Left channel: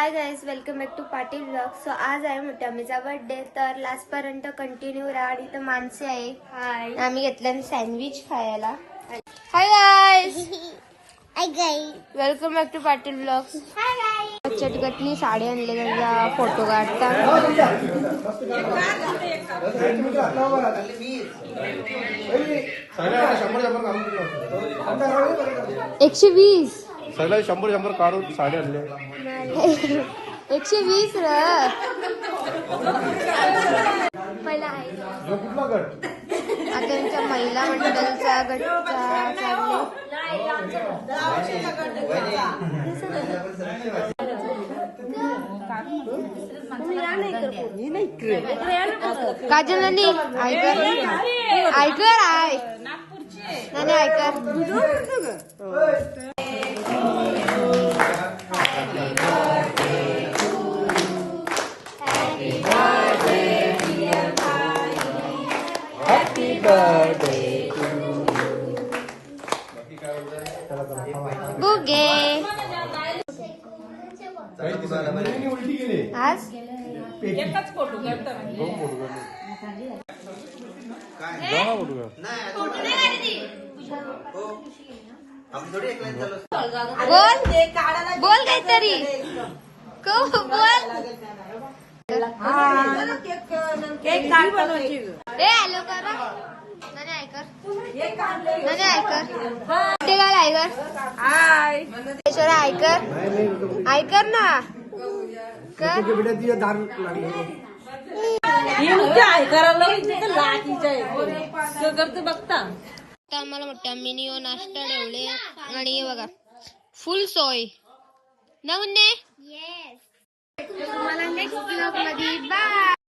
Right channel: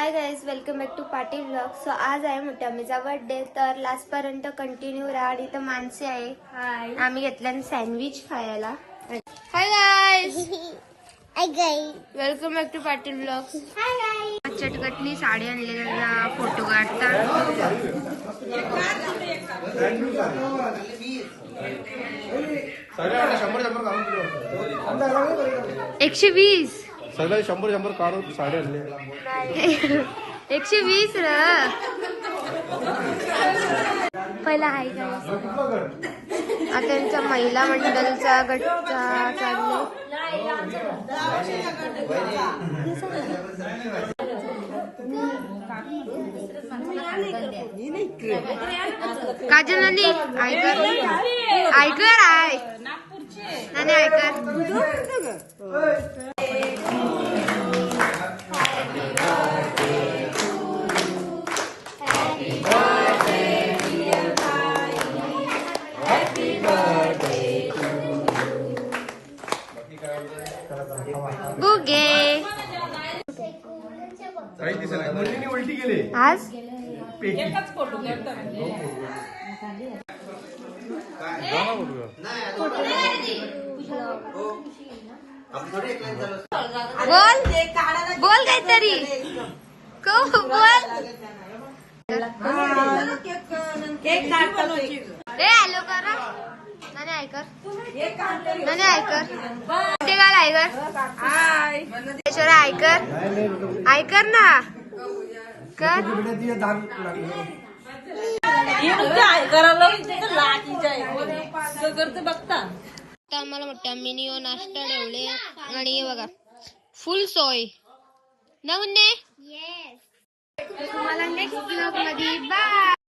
High guys, welcome back to Patil vlog. So आज आहे मोठ्या आम्हीचा बर्थडे, तर लास्ट पर्यंत कंटिन्यू राहा. आणि इथं माणसे आहे. हाय, आम्ही घेतलं सँडविच खायला. Hi guys, welcome back to Patil blog. चटकटनी साडी आणले, त्याचा फोटो काढतात. 120 सगळ्या 100 काढून साडे आणले. 120 आता त्यांच्या महिला मंडळाचा गट चाललो. काजल नानी ऐकर ऐकर आहे नानी ऐकर. बुगे आज एकच फोटो करता बोल बोल काहीतरी बोल. हॅलो करा नानी ऐकर नानी ऐकर ते काय ऐकर. हाय ऐश्वर्या ऐकर ऐकर ना कर. बघता आम्हाला मोठ्या मिनी नाश्ता ठेवले आणि बघा फुल सोय ना मुन्ने. तुम्हाला नेक्स्ट ब्लॉग मध्ये बाय.